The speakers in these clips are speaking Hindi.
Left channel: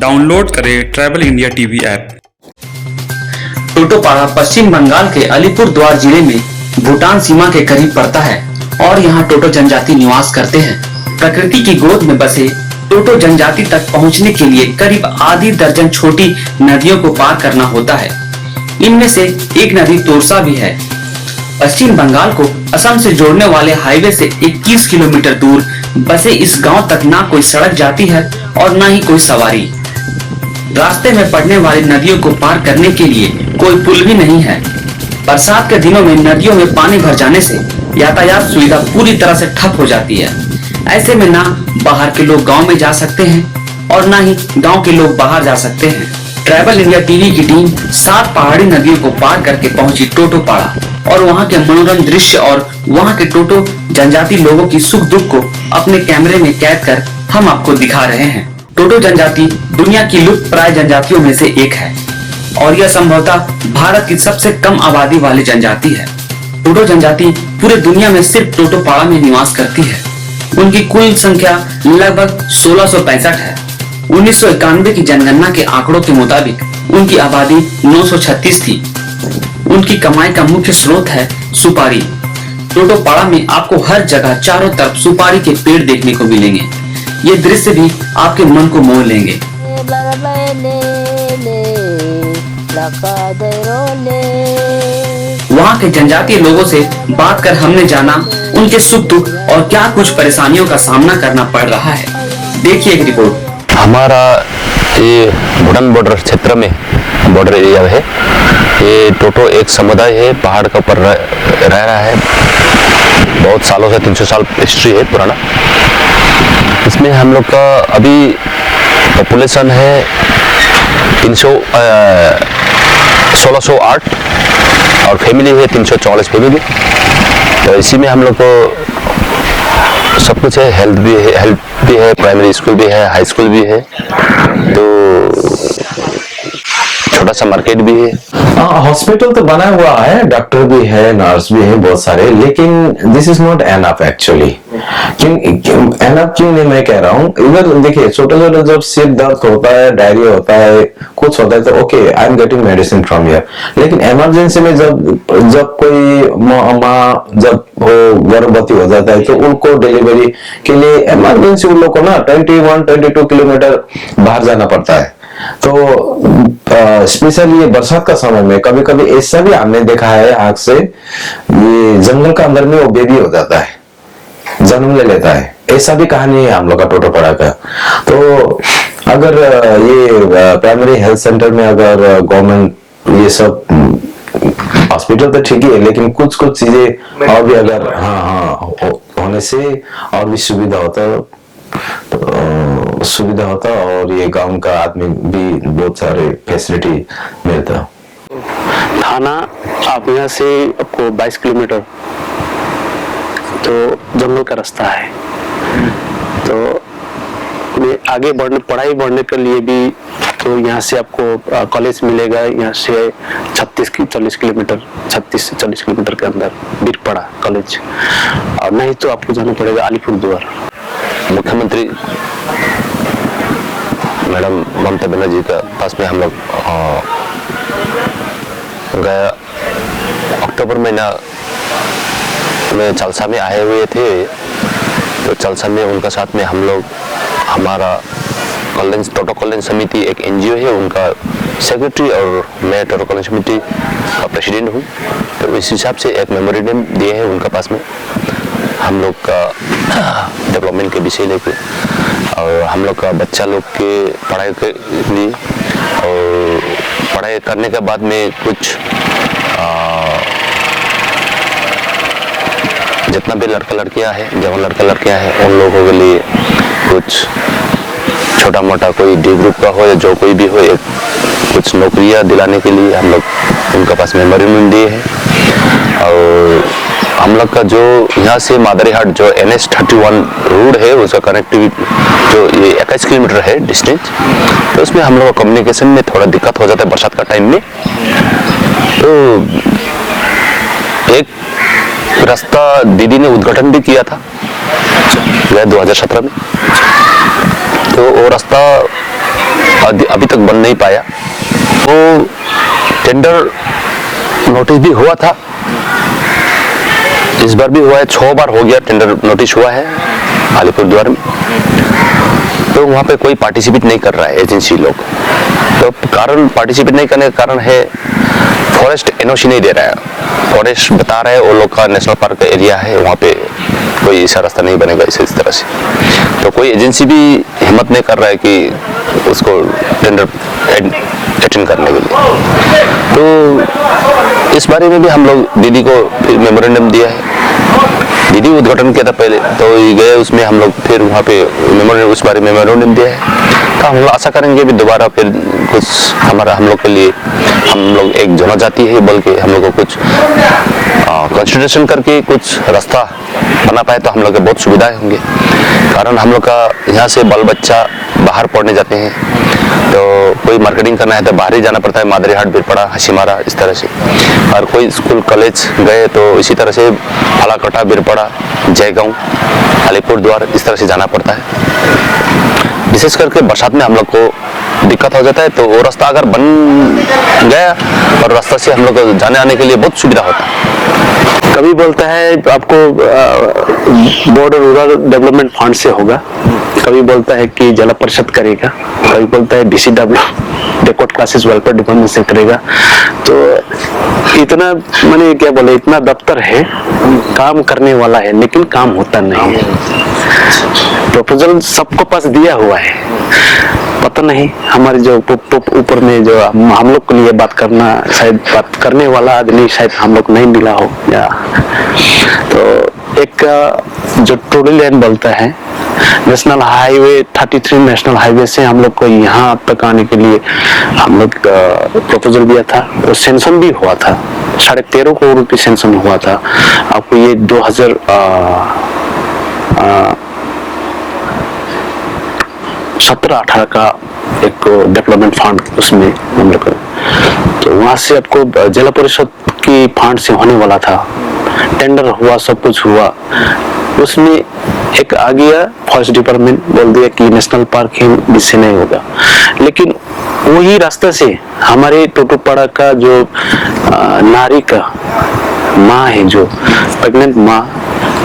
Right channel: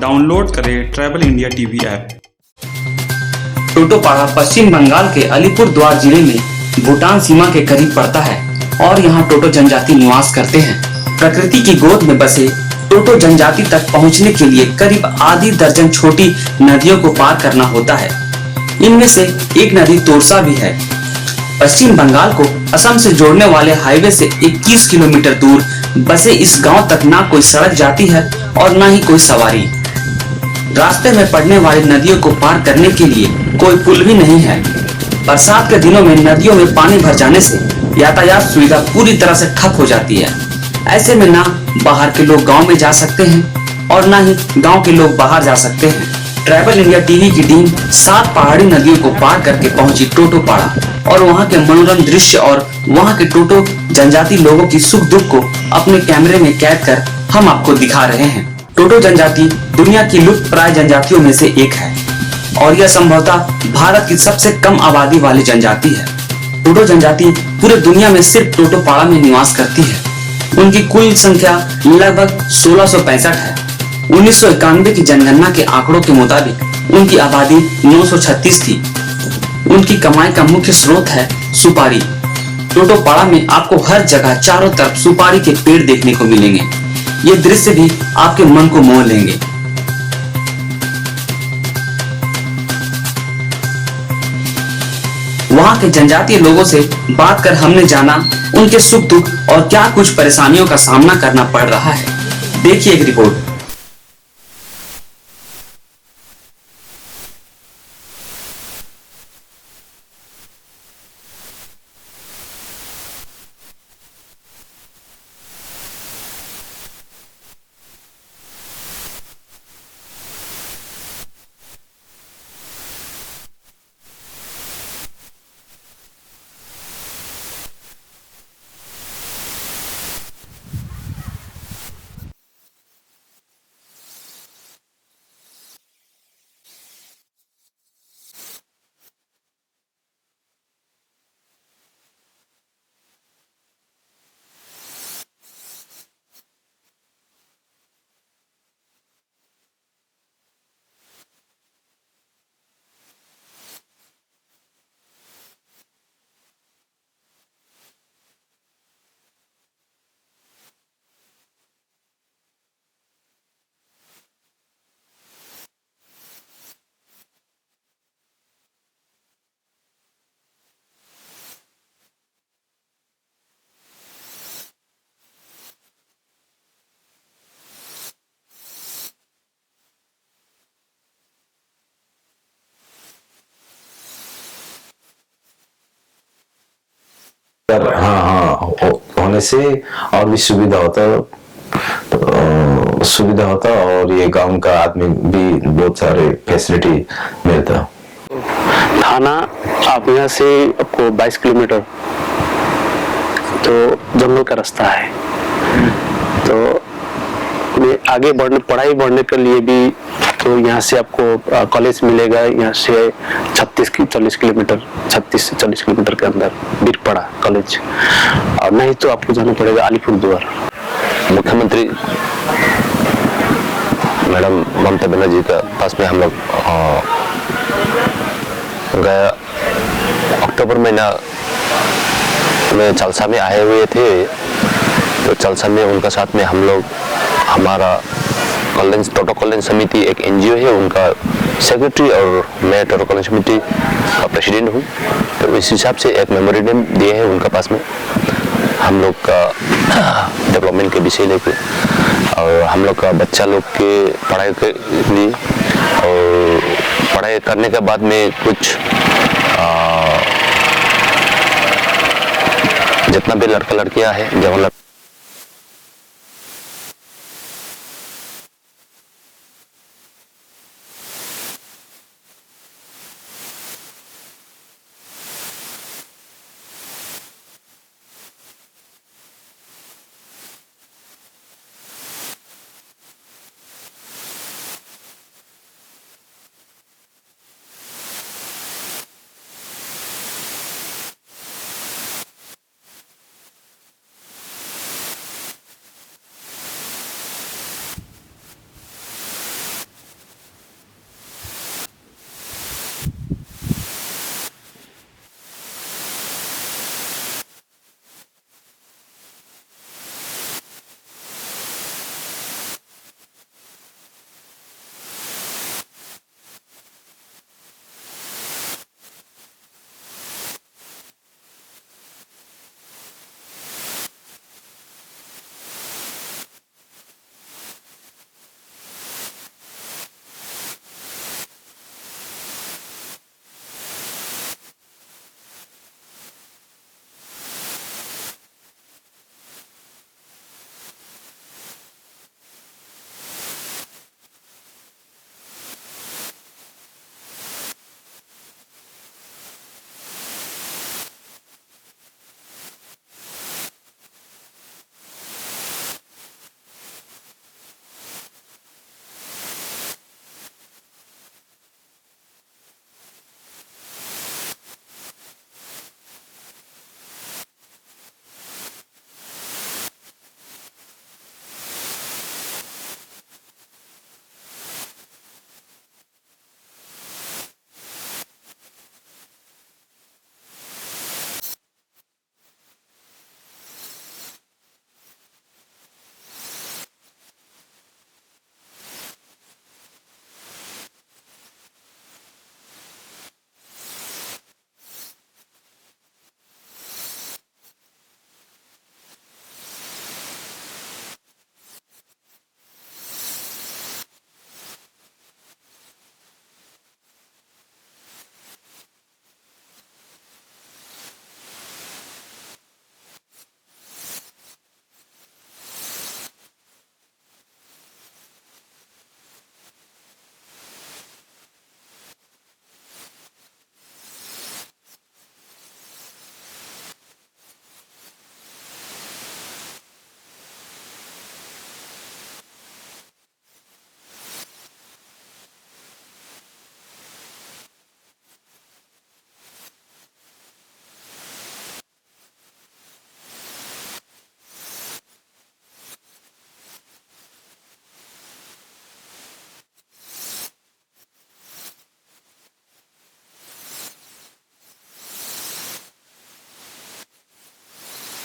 डाउनलोड करें travel India TV app. Totopara Paschim Bangal के अलीपुरद्वार जिले में भूटान सीमा के करीब पड़ता है और यहाँ टोटो जनजाति निवास करते हैं। प्रकृति की गोद में बसे टोटो जनजाति तक पहुँचने के लिए करीब आधी दर्जन छोटी नदियों को पार करना होता है। इनमें से एक नदी तोरसा भी है। पश्चिम बंगाल को असम से जोड़ने वाले हाईवे से 21 किलोमीटर दूर बसे इस गांव तक ना कोई सड़क जाती है और ना ही कोई सवारी। रास्ते में पड़ने वाली नदियों को पार करने के लिए कोई पुल भी नहीं है। बरसात के दिनों में नदियों में पानी भर जाने से यातायात सुविधा पूरी तरह से ठप हो जाती है। ऐसे में ना बाहर के लोग गांव में जा सकते हैं और ना ही गांव के लोग बाहर जा सकते हैं। ट्रैवल इंडिया टीवी की टीम 7 पहाड़ी नदियों को पार करके पहुंची टोटोपाड़ा और वहां के मनोरम दृश्य और वहां के टोटो जनजाति लोगों की सुख दुख को अपने कैमरे में कैद कर हम आपको दिखा रहे हैं। टोटो जनजाति दुनिया की लुप्त प्राय जनजातियों में से एक है और यह संभवतः भारत की सबसे कम आबादी वाली जनजाति है। टोटो जनजाति पूरे दुनिया में सिर्फ टोटोपाड़ा में निवास करती है। उनकी कुल संख्या लगभग 1665 है। 1991 की जनगणना के आंकड़ों के मुताबिक उनकी आबादी 936 थी। उनकी कमाई का मुख्य स्रोत है सुपारी। टोटोपाड़ा में आपको हर जगह चारों तरफ सुपारी के पेड़ देखने को मिलेंगे। ये दृश्य भी आपके मन को मोह लेंगे। वहाँ के जनजातीय लोगों से बात कर हमने जाना उनके सुख दुख और क्या कुछ परेशानियों का सामना करना पड़ रहा है। देखिए एक रिपोर्ट। हमारा ये भूटान बॉर्डर क्षेत्र में बॉर्डर एरिया है। ये टोटो एक समुदाय है, पहाड़ के ऊपर रह रहा है। बहुत सालों से 300 साल हिस्ट्री है पुराना। इसमें हम लोग का अभी पॉपुलेशन है 1608 और फैमिली है 344 फैमिली। तो इसी में हम लोग को सब कुछ है। हेल्थ भी है, प्राइमरी स्कूल भी है, हाई स्कूल भी है, तो छोटा सा मार्केट भी है। हॉस्पिटल तो बना हुआ है, डॉक्टर भी है, नर्स भी है बहुत सारे, लेकिन this is not enough actually. Enough क्यों नहीं मैं कह रहा हूँ। इधर देखिए छोटे छोटे जब सिर दर्द होता है, डायरिया होता है, कुछ होता है तो okay I am getting medicine from here. लेकिन इमरजेंसी में जब कोई माँ जब वो गर्भवती हो जाता है तो उनको डिलीवरी के लिए इमरजेंसी उन लोग को ना 21-22 किलोमीटर बाहर जाना पड़ता है। तो स्पेशली ये बरसात का समय में कभी कभी ऐसा भी हमने देखा है आग से, ये जंगल का अंदर में वो बेबी हो जाता है, जन्म ले लेता है। ऐसा भी कहानी है हम लोग का टोटोपाड़ा का। तो अगर ये प्राइमरी हेल्थ सेंटर में अगर गवर्नमेंट ये सब हॉस्पिटल तो ठीक ही है, लेकिन कुछ चीजें और भी अगर होने से और भी सुविधा होता और ये गांव का आदमी भी बहुत सारे फैसिलिटी मिलता। थाना आप यहाँ से आपको 22 किलोमीटर तो जंगल का रास्ता है। तो आगे पढ़ाई बढ़ने के लिए भी तो यहाँ से आपको कॉलेज मिलेगा। यहाँ से 36 किलोमीटर 36 से 40 किलोमीटर के अंदर बीरपाड़ा कॉलेज, और नहीं तो आपको जाना पड़ेगा अलीपुरद्वार। मुख्यमंत्री मैडम ममता बनर्जी का पास में हम लोग गया अक्टूबर महीना में चलसा में आए हुए थे। तो चलसा में उनका साथ में हम लोग हमारा टोटो कल्याण समिति एक एनजीओ है, उनका सेक्रेटरी और मैं टोटो कल्याण समिति का प्रेसिडेंट हूँ। तो इस हिसाब से एक मेमोरेंडम दिए हैं उनका पास में हम लोग का डेवलपमेंट के विषय लेके, और हम लोग का बच्चा लोग के पढ़ाई के लिए, और पढ़ाई करने के बाद में कुछ जितना भी लड़का लड़कियां हैं, जवान लड़का लड़कियां हैं, उन लोगों के लिए कुछ छोटा मोटा कोई डी ग्रुप का हो या जो कोई भी हो, कुछ नौकरियां दिलाने के लिए हम लोग उनका पास मेमोरेंडम दिए हैं। और हम लोग का जो यहाँ से मादरीहाट जो NH31 रोड है उसका कनेक्टिविटी जो ये 21 किलोमीटर है डिस्टेंस, तो उसमें हम लोग का कम्युनिकेशन में थोड़ा दिक्कत हो जाता है बरसात का टाइम में। तो एक रास्ता दीदी ने उद्घाटन भी किया था 2017 में। तो वो रास्ता अभी तक बन नहीं पाया। वो टेंडर नोटिस भी हुआ था, इस बार भी हुआ है, 6 बार हो गया टेंडर नोटिस हुआ है अलीपुरद्वार में। तो वहाँ पे कोई पार्टिसिपेट नहीं कर रहा है एजेंसी लोग। तो कारण पार्टिसिपेट नहीं करने का कारण है फॉरेस्ट एनओसी नहीं दे रहा है। फॉरेस्ट बता रहा है वो लोग का नेशनल पार्क का एरिया है, वहाँ पे कोई ऐसा रास्ता नहीं बनेगा इस तरह से। तो कोई एजेंसी भी हिम्मत नहीं कर रहा है कि उसको टेंडर अटेंड करने के लिए। तो इस बारे में भी हम लोग दीदी को फिर मेमोरेंडम दिया है। दीदी उद्घाटन किया था पहले, तो गए उसमें हम लोग फिर वहाँ पे उस बारे में मेमोरेंडम दिया है। तो हम लोग आशा करेंगे भी दोबारा फिर कुछ हम लोग के लिए, हम लोग एक जनजाति है बल्कि हम लोग को कुछ कंसिडरेशन करके कुछ रास्ता बना पाए तो हम लोग के बहुत सुविधाएं होंगे। कारण हम लोग का यहाँ से बाल बच्चा बाहर पढ़ने जाते हैं, तो कोई मार्केटिंग करना है तो बाहर ही जाना पड़ता है, मादरीहाट, बिरपड़ा, हसीमारा, इस तरह से। और कोई स्कूल कॉलेज गए तो इसी तरह से फालाकटा, बिरपड़ा, जयगांव, अलीपुरद्वार, इस तरह से जाना पड़ता है। विशेष करके बरसात में हम लोग को दिक्कत हो जाता है, तो वो रास्ता अगर बन गया और रास्ता से हम लोग को जाने आने के लिए बहुत सुविधा होता है। कभी बोलता है आपको बॉर्डर रूरल डेवलपमेंट फंड से होगा, कभी बोलता है कि जिला परिषद करेगा, कभी बोलता है DCW backward classes welfare department से करेगा। तो इतना मैंने क्या बोले, इतना दफ्तर है, काम करने वाला है लेकिन काम होता नहीं है। प्रपोजल सबको पास दिया हुआ है, पता नहीं हमारे जो ऊपर में जो हम लोग के लिए बात करना, शायद बात करने वाला आदमी शायद हम लोग नहीं मिला हो। या तो एक जो टोली लाइन बोलता है, नेशनल हाईवे 33 नेशनल हाईवे से हम लोग को यहाँ तक आने के लिए हम लोग प्रपोजल दिया था, और सेंक्शन भी हुआ था, 13.5 करोड़ रुपये सेंक्शन हुआ था। आपको ये 2017-18 का एक डेवलपमेंट फंड उसमें हम लोग, तो वहां से आपको जिला परिषद की फंड से होने वाला था, टेंडर हुआ, सब कुछ हुआ। उसमें एक आ गया फॉरेस्ट डिपार्टमेंट, बोल दिया कि नेशनल पार्क है, इससे नहीं होगा। लेकिन वही रास्ते से हमारे टोटोपाड़ा का जो नारी का माँ है, जो प्रेग्नेंट माँ,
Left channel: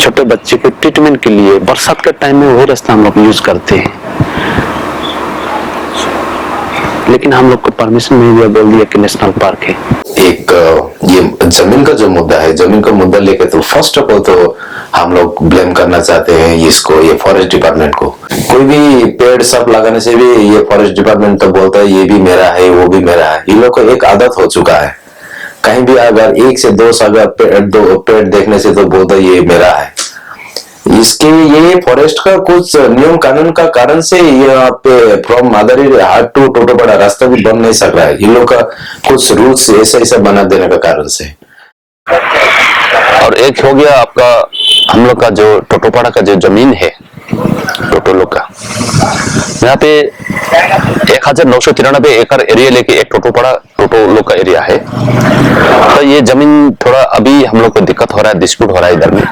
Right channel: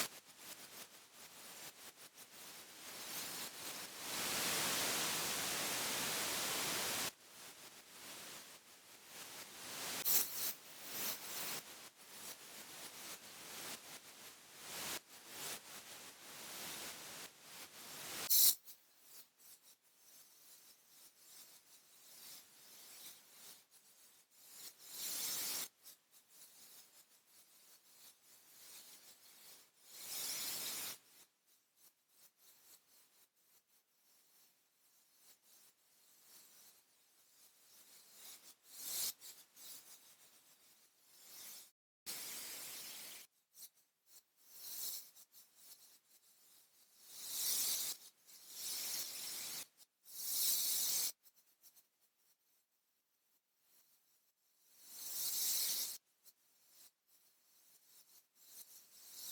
छोटे बच्चे के ट्रीटमेंट के लिए बरसात के टाइम में वही रास्ता हम लोग यूज करते हैं, लेकिन हम लोग को परमिशन नहीं दिया, बोल दिया कि नेशनल पार्क है। एक ये जमीन का जो मुद्दा है, जमीन का मुद्दा लेके तो फर्स्ट ऑफ ऑल तो हम लोग ब्लेम करना चाहते हैं इसको, ये फॉरेस्ट डिपार्टमेंट को। कोई भी पेड़ सब लगाने से भी ये फॉरेस्ट डिपार्टमेंट तो बोलता है ये भी मेरा है, वो भी मेरा है। इन लोग को एक आदत हो चुका है, कहीं भी अगर 1 से 2 पेड़ देखने से तो बोलता है ये मेरा है। इसके ये फॉरेस्ट का कुछ नियम कानून का कारण से यहाँ पे फ्रॉम मादरीहाट टू टोटोपाड़ा रास्ता भी बन नहीं सक रहा है। इन लोग का कुछ रूल्स ऐसा बना देने का कारण से। और एक हो गया आपका हम लोग का जो टोटोपाड़ा का जो जमीन है, टोटो लोग का, यहाँ पे 1993 एकड़ एरिया लेके एक टोटोपाड़ा टोटो लोग का एरिया है। तो ये जमीन थोड़ा अभी हम लोग को दिक्कत हो रहा है, डिस्प्यूट हो रहा है इधर में।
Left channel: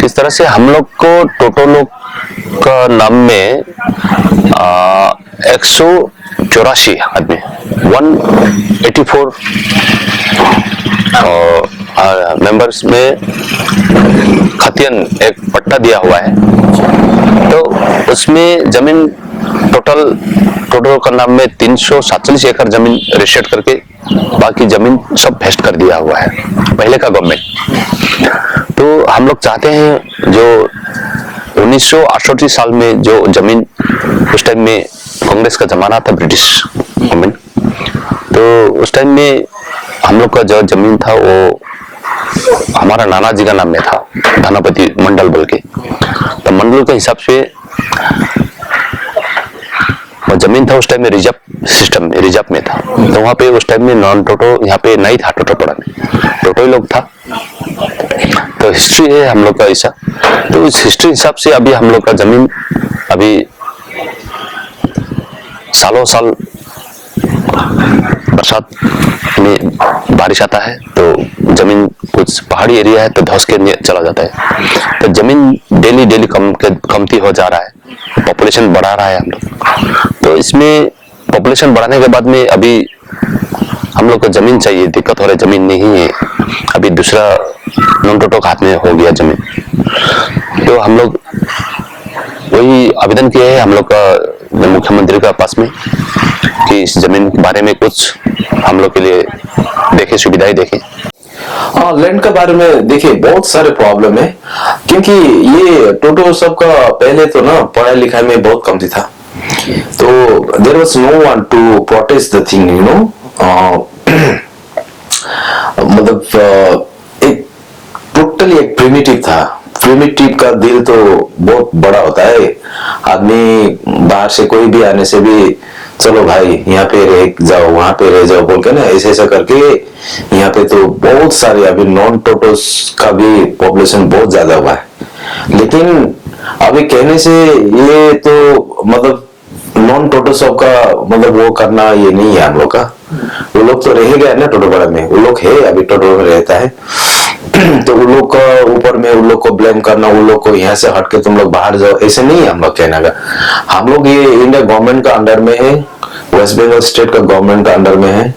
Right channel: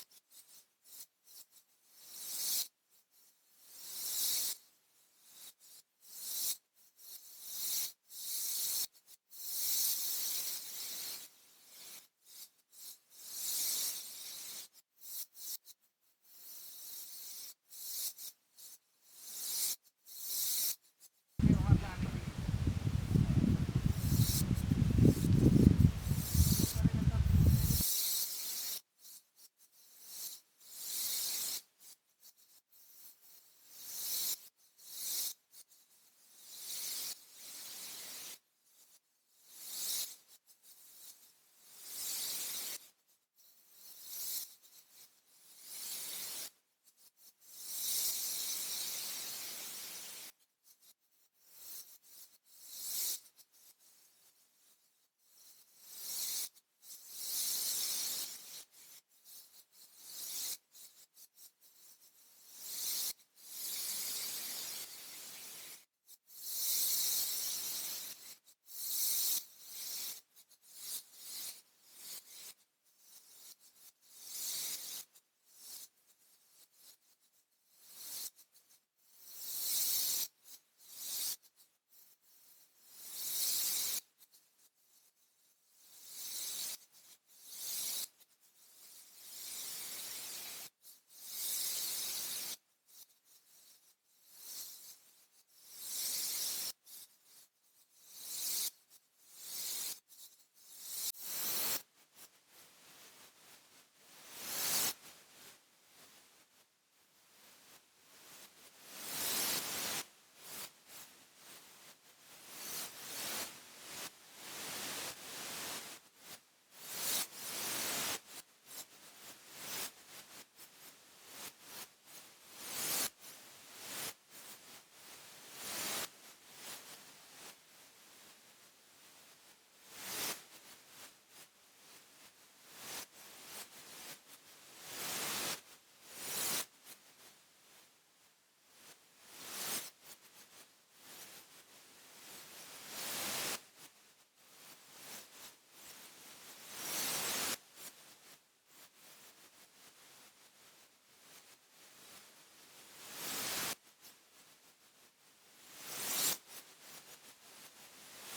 किस तरह से हम लोग को टोटो लोग का नाम में 184 आदमी 184 मेंबर्स में खतियन एक पट्टा दिया हुआ है। तो उसमें जमीन टोटल का नाम में 347 एकड़ जमीन रजिस्टर्ड करके बाकी जमीन सब वेस्ट कर दिया हुआ है पहले का गवर्नमेंट। तो हम लोग चाहते हैं जो 1968 साल में जो जमीन, उस टाइम में कांग्रेस का जमाना था, ब्रिटिश गवर्नमेंट, तो उस टाइम में हम लोग का जो जमीन था वो हमारा नाना जी का नाम में था, धनापति मंडल बोल के। तो मंडल के हिसाब से वो जमीन था उस टाइम में रिजर्व सिस्टम, रिजर्व में था। तो वहाँ पे उस टाइम में नॉन टोटो यहाँ पे नहीं था, टोटोपाड़ा में टोटो ही लोग था। तो हिस्ट्री है हम लोग का ऐसा। तो इस हिस्ट्री हिसाब से अभी हम लोग का जमीन अभी सालों साल बरसात में बारिश आता है तो जमीन कुछ पहाड़ी एरिया है तो धंस के चला जाता है। तो जमीन डेली कमती हो जा रहा है। पॉपुलेशन बढ़ा रहा है हम लोग। तो इसमें पॉपुलेशन बढ़ाने के बाद में अभी हम लोग को जमीन चाहिए, दिक्कत हो रहा है, जमीन नहीं है। अभी दूसरा नॉन टोटो के हाथ में हो गया जमीन, तो हम लोग वही आवेदन किए हैं हम लोग का मुख्यमंत्री का पास में कि इस जमीन के बारे में कुछ हम लोग के लिए देखे, सुविधाएं देखें। हाँ, लैंड के बारे में देखिए बहुत सारे प्रॉब्लम है, क्योंकि ये टोटो सबका पहले तो ना पढ़ाई लिखाई में बहुत कमती था, तो there was no one to protest the thing, you know. मतलब एक टोटली एक प्रिमिटिव था। प्रिमिटिव का दिल तो बहुत बड़ा होता है। आदमी बाहर से कोई भी आने से भी चलो भाई यहाँ पे रह जाओ, वहां पे रह जाओ बोल के ना, ऐसे ऐसा करके यहाँ पे तो बहुत सारे अभी नॉन टोटोस का भी पॉपुलेशन बहुत ज्यादा हुआ है। लेकिन अभी कहने से ये तो मतलब नॉन टोटो सब का मतलब वो करना ये नहीं है हम लोग का। वो लोग तो रह गए ना टोटोपाड़ा में, वो लोग है अभी टोटो में रहता है तो उन लोग का ऊपर में उन लोग को ब्लेम करना, उन लोग को यहाँ से हट के तुम लोग बाहर जाओ, ऐसे नहीं है हम लोग कहना का। हम लोग ये इंडिया गवर्नमेंट का अंडर में है, वेस्ट बंगाल स्टेट का गवर्नमेंट का अंडर में है।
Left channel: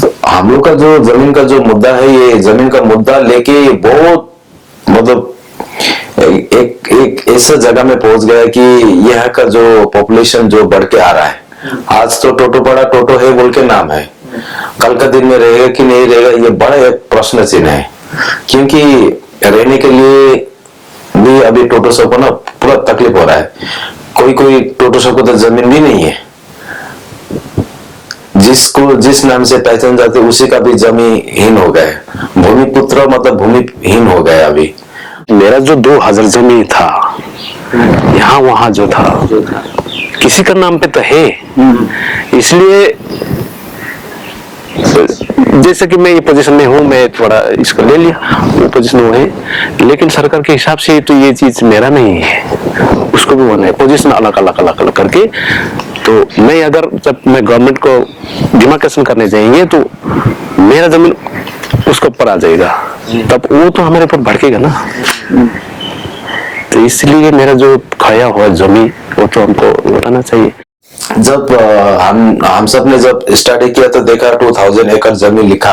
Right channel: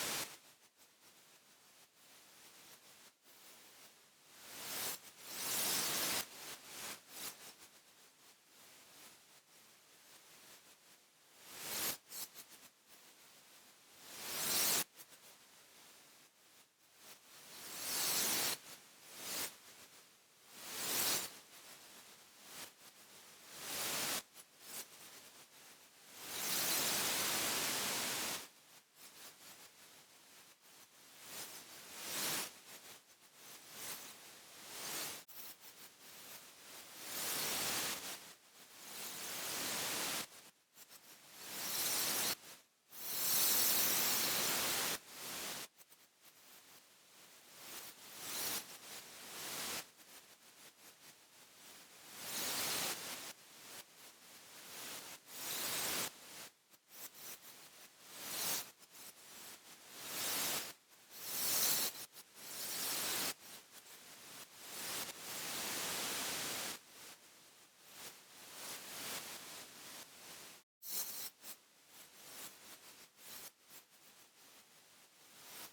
तो हम लोग का जो जमीन का जो मुद्दा है, ये जमीन का मुद्दा लेके बहुत मतलब एक ऐसा जगह में पहुंच गया कि यहाँ का जो पॉपुलेशन जो बढ़ के आ रहा है। आज तो टोटोपाड़ा टोटो है बोल के नाम है, कल का दिन में रहेगा कि नहीं रहेगा ये बड़ा एक प्रश्न चिन्ह है। क्योंकि रहने के लिए भी अभी टोटो सब को ना पूरा तकलीफ हो रहा है। कोई टोटो सब को तो जमीन भी नहीं है, जिसको जिस नाम से पहचान जाते उसी का भी जमीनहीन हो गए, भूमिपुत्र मतलब भूमिहीन हो गए। अभी मेरा जो 2000 जमीन था यहाँ वहां जो था किसी का नाम पे तो है, इसलिए जैसे कि मैं ये पोजीशन में हूँ, मैं थोड़ा इसको ले लिया, वो पोजीशन वो है, लेकिन सरकार के हिसाब से तो ये चीज मेरा नहीं है, उसको भी होना है, पोजीशन अलग अलग अलग अलग करके। तो मैं अगर जब मैं गवर्नमेंट को डिमार्केशन करने जाएंगे तो मेरा जमीन उसके ऊपर आ जाएगा, तब वो तो हमारे ऊपर भड़केगा ना। तो इसलिए मेरा जो खाया हुआ जमीन वो तो हमको लौटाना चाहिए। जब हम सब ने जब स्टडी किया तो देखा 2000 एकड़ जमीन लिखा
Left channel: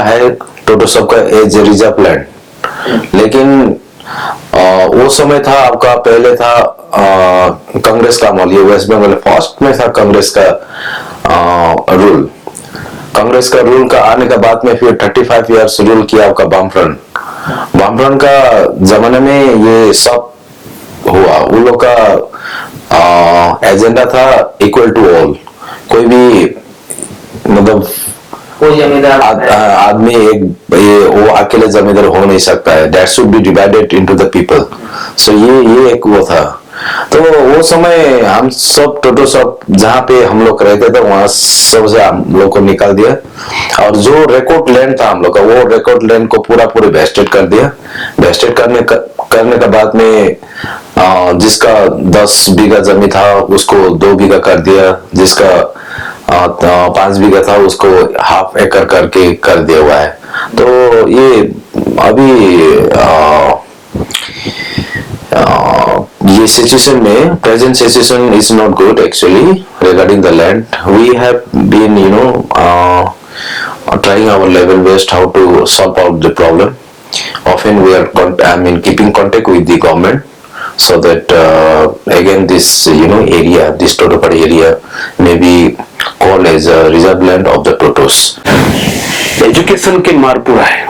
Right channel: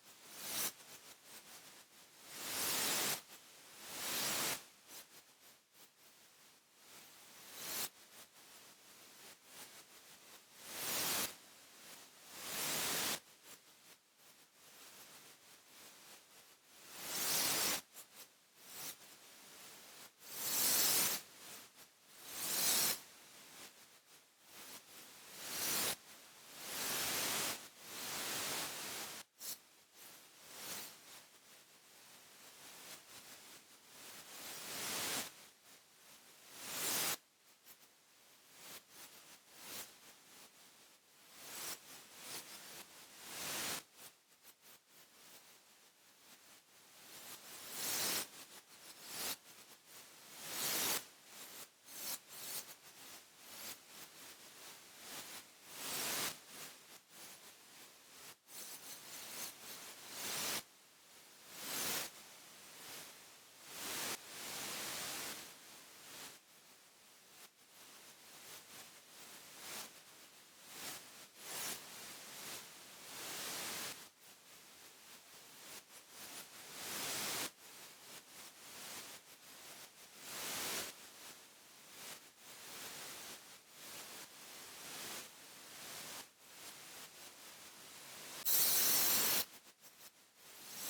है टोटो सब का एज रिजर्व लैंड। लेकिन वो समय था आपका, पहले था कांग्रेस का अमल, ये वेस्ट बंगाल फर्स्ट में था कांग्रेस का रूल। कांग्रेस का रूल का आने के बाद में फिर 35 इयर्स रूल किया आपका वामफ्रंट का जमाने में ये सब हुआ। उन लोग का एजेंडा था इक्वल टू ऑल, कोई भी मतलब कोई जमींदार आदमी वो अकेले जमींदार हो नहीं सकता है, that should be divided into the people. So ये एक वो था। तो वो समय हम सब टोटो सब जहाँ पे हम लोग रहते थे वहां सबसे हम लोग को निकाल दिया, और जो रिकॉर्ड लैंड था हम लोग का वो रिकॉर्ड लैंड को पूरा वेस्टेड कर दिया। वेस्टेड करने के बाद में जिसका 10 बीघा जमीन था उसको 2 बीघा कर दिया, जिसका 5 बीघा था उसको हाफ एकड़ करके कर दिया हुआ है। तो ये अभी ये सिचुएशन में present situation is not good actually regarding the land. We have been trying our level best how to solve out the problem. Often we are keeping contact with the government so that again this area, this Totopaड़ा area may be called as a reserve land of the Totos. Education के मार पूरा है,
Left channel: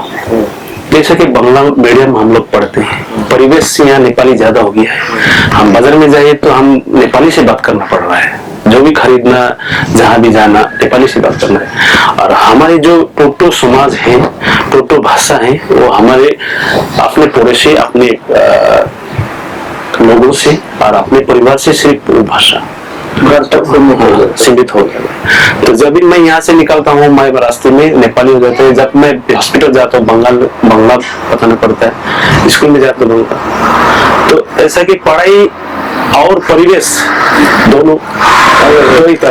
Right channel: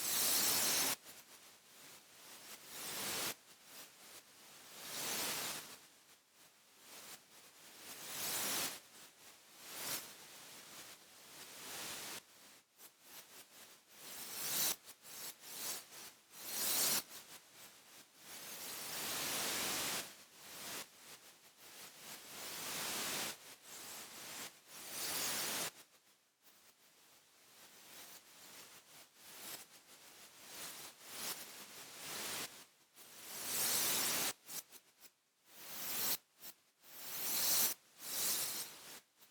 जैसे कि बांग्ला मीडियम हम लोग पढ़ते हैं, परिवेश यहाँ नेपाली ज्यादा हो गया है। हम बाजार में जाए तो हम नेपाली से बात करना पड़ रहा है, जो भी खरीदना जहाँ भी जाना नेपाली से बात करना है। और हमारे जो टोटो समाज है, टोटो भाषा है, वो हमारे अपने पड़ोसी अपने लोगों से और अपने परिवार से सिर्फ वो भाषा सीमित हो गया। तो जब भी मैं यहाँ से निकलता हूँ मैं रास्ते में नेपाली हो जाते हैं, जब मैं हॉस्पिटल जाता हूँ बांग्ला बताना पड़ता है, स्कूल में जाता हूँ। तो ऐसा कि पढ़ाई और परिवेश दोनों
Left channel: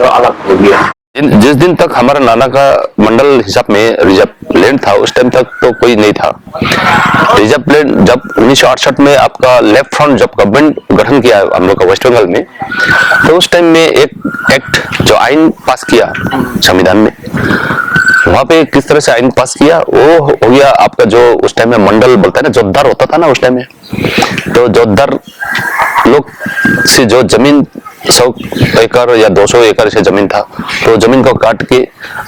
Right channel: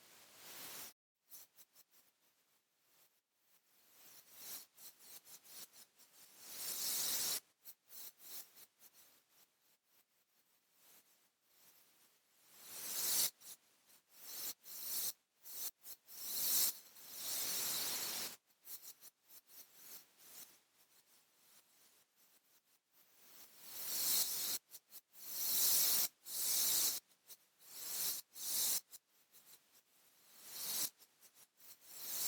अलग हो गया। जिस दिन तक हमारा नाना का मंडल हिसाब में रिजर्व लैंड था, उस टाइम तक तो कोई नहीं था। रिजर्व लैंड जब 1968 में आपका लेफ्ट फ्रंट जब गवर्नमेंट गठन किया हम लोग का वेस्ट बंगाल में, तो उस टाइम में एक एक्ट जो आइन पास किया संविधान में, वहां पे किस तरह से आइन पास किया वो हो गया आपका जो उस टाइम में मंडल बोलता है ना, जोतदार होता था ना उस टाइम में, तो जोतदार लोग से जो जमीन 100 एकड़ या 200 एकड़ से जमीन था, तो जमीन को काट के